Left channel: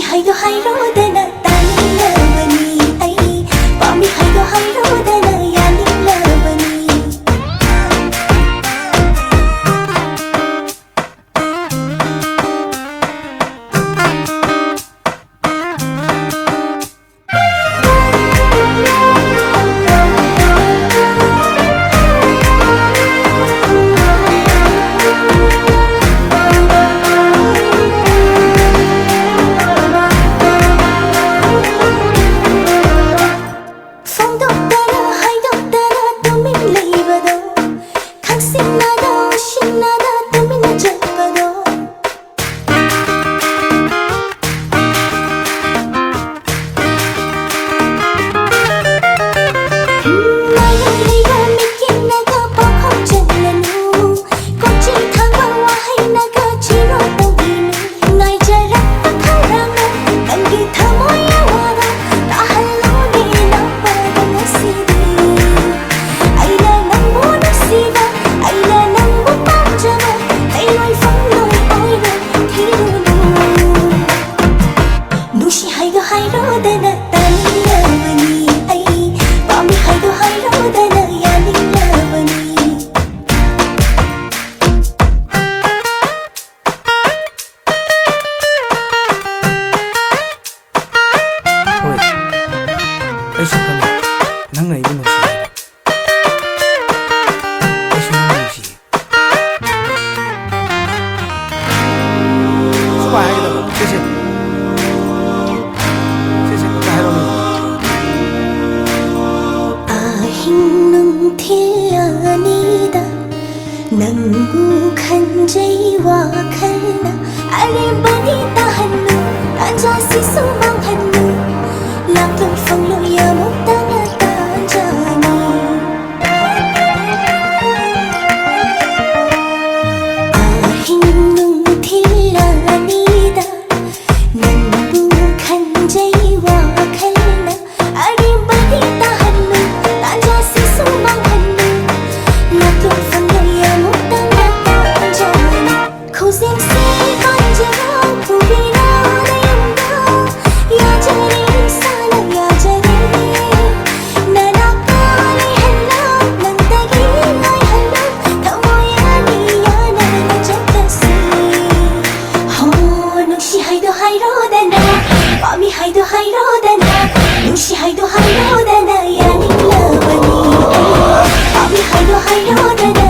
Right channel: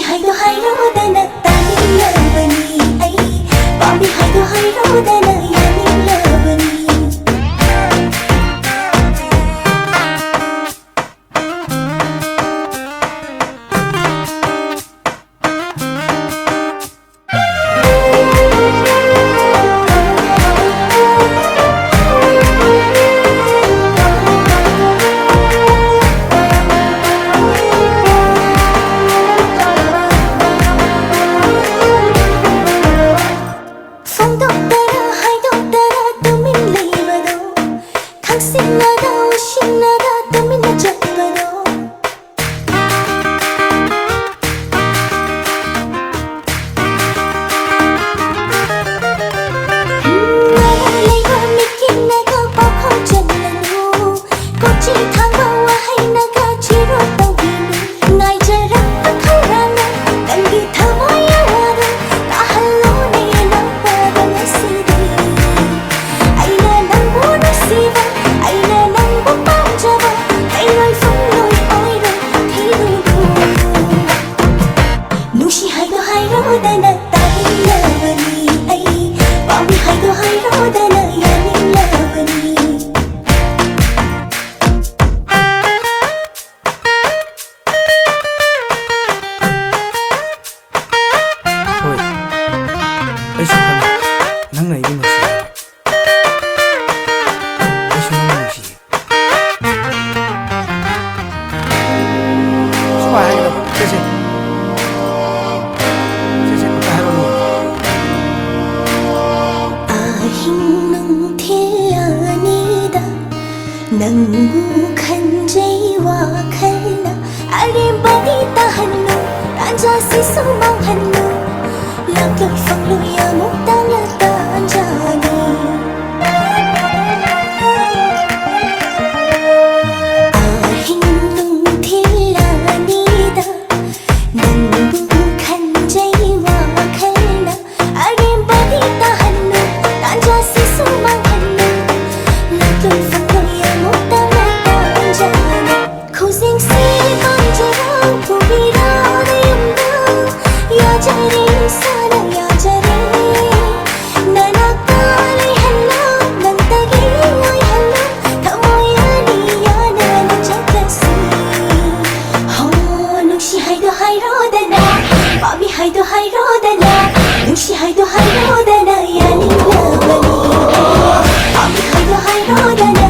ꯅꯨꯡꯁꯤ ꯍꯥꯏꯗꯣ ꯍꯥꯏꯔꯣꯗꯅ ꯇꯥꯅꯤꯡꯂꯕꯅꯤ ꯑꯩ ꯄꯥꯝꯃꯤ ꯍꯥꯏꯗꯣ ꯍꯥꯏꯔꯣꯗꯅ ꯌꯥꯅꯤꯡꯂꯕꯅꯤ ꯈꯪꯁꯤꯟꯅꯗ ꯎꯁꯤꯟꯅꯗ ꯇꯨꯃꯤꯟꯅ ꯆꯠꯄꯗꯣ ꯃꯔꯝ ꯂꯩꯕ ꯃꯤꯠꯌꯦꯡꯅꯒ ꯄꯥꯎꯈꯣꯡ ꯆꯜꯂꯅꯨ ꯀꯣꯆꯤ ꯊꯥꯡꯕ ꯋꯥꯍꯩꯅꯒ ꯆꯤꯔꯣꯜ ꯇꯧꯕꯤꯅꯨ ꯉꯥꯏꯖꯔꯛꯄ ꯈꯧꯔꯥꯡꯅ ꯅꯪꯒꯤ ꯊꯃꯣꯏ ꯑꯋꯥꯕ ꯇꯥꯍꯜꯂꯣꯅꯦ ꯅꯥꯄꯗ ꯉꯁꯤꯗꯤ ꯑꯩꯅ ꯅꯪꯕꯨ ꯅꯨꯡꯁꯤꯕ ꯑꯩꯅ ꯅꯪꯕꯨ ꯄꯥꯝꯖꯕ ꯂꯩꯔꯣꯏ ꯐꯪꯂꯣꯏ ꯑꯣꯏꯔꯣꯏ ꯊꯤꯔꯨꯅꯨ ꯅꯨꯡꯁꯤ ꯍꯥꯏꯗꯣ ꯍꯥꯏꯔꯣꯗꯅ ꯇꯥꯅꯤꯡꯂꯕꯅꯤ ꯑꯩ ꯄꯥꯝꯃꯤ ꯍꯥꯏꯗꯣ ꯍꯥꯏꯔꯣꯗꯅ ꯌꯥꯅꯤꯡꯂꯕꯅꯤ ꯍꯣꯏ ꯑꯩꯁꯨ ꯈꯪꯉꯤ ꯅꯪꯅ ꯑꯩꯕꯨ ꯅꯨꯡꯁꯤ ꯍꯥꯏꯕ ꯑꯩꯁꯨ ꯅꯪꯕꯨ ꯅꯨꯡꯁꯤꯌꯦ ꯁꯨꯃꯥꯏ ꯍꯥꯏꯒꯗꯕ ꯁꯦ ꯑꯝꯇ ꯍꯥꯏꯔꯣꯅꯦ ꯑꯍꯤꯡ ꯅꯨꯡꯊꯤꯜ ꯑꯅꯤꯗ ꯅꯪꯕꯨ ꯈꯟꯖꯩ ꯋꯥꯈꯜꯅ ꯑꯔꯦꯝꯕꯗꯤ ꯇꯥꯍꯟꯅꯨ ꯇꯥꯟꯖꯥꯁꯤꯁꯨ ꯃꯥꯡꯍꯟꯅꯨ ꯂꯥꯛꯂꯣꯏ ꯐꯪꯂꯣꯏ ꯑꯃꯨꯛꯇꯪꯂ ꯇꯥꯟꯖꯥꯅꯤ ꯑꯍꯤꯡ ꯅꯨꯡꯊꯤꯜ ꯑꯅꯤꯗ ꯅꯪꯕꯨ ꯈꯟꯖꯩ ꯋꯥꯈꯜꯅ ꯑꯔꯦꯝꯕꯗꯤ ꯇꯥꯍꯟꯅꯨ ꯇꯥꯟꯖꯥꯁꯤꯁꯨ ꯃꯥꯡꯍꯟꯅꯨ ꯂꯥꯛꯂꯣꯏ ꯐꯪꯂꯣꯏ ꯑꯃꯨꯛꯇꯪꯂ ꯇꯥꯟꯖꯥꯅꯤ ꯈꯨꯖꯦꯡꯁꯤ ꯄꯥꯟꯖꯔꯥꯎ ꯄꯨꯕꯤꯔꯣ ꯅꯌꯨꯝꯗ ꯌꯥꯖꯔꯦ ꯏꯁꯥꯅ ꯌꯥꯖꯔꯦ ꯅꯅꯥꯛꯇ ꯂꯩꯍꯜꯂꯣ ꯅꯪꯇꯒꯤ ꯑꯣꯏꯍꯜꯂꯣ ꯊꯃꯣꯏ ꯑꯅꯤ ꯌꯥꯅꯅ ꯆꯠꯂꯁꯤ ꯍꯣ ꯅꯨꯡꯁꯤ ꯍꯥꯏꯗꯣ ꯍꯥꯏꯔꯣꯗꯅ ꯄꯥꯝꯃꯤ ꯍꯥꯏꯗꯣ ꯍꯥꯏꯔꯣꯗꯅ ꯅꯨꯡꯁꯤ ꯍꯥꯏꯗꯣ ꯍꯥꯏꯔꯣꯗꯅ ꯌꯥꯅꯤꯡꯂꯕꯅꯤ ꯑꯩ ꯄꯥꯝꯃꯤ ꯍꯥꯏꯗꯣ ꯍꯥꯏꯔꯣꯗꯅ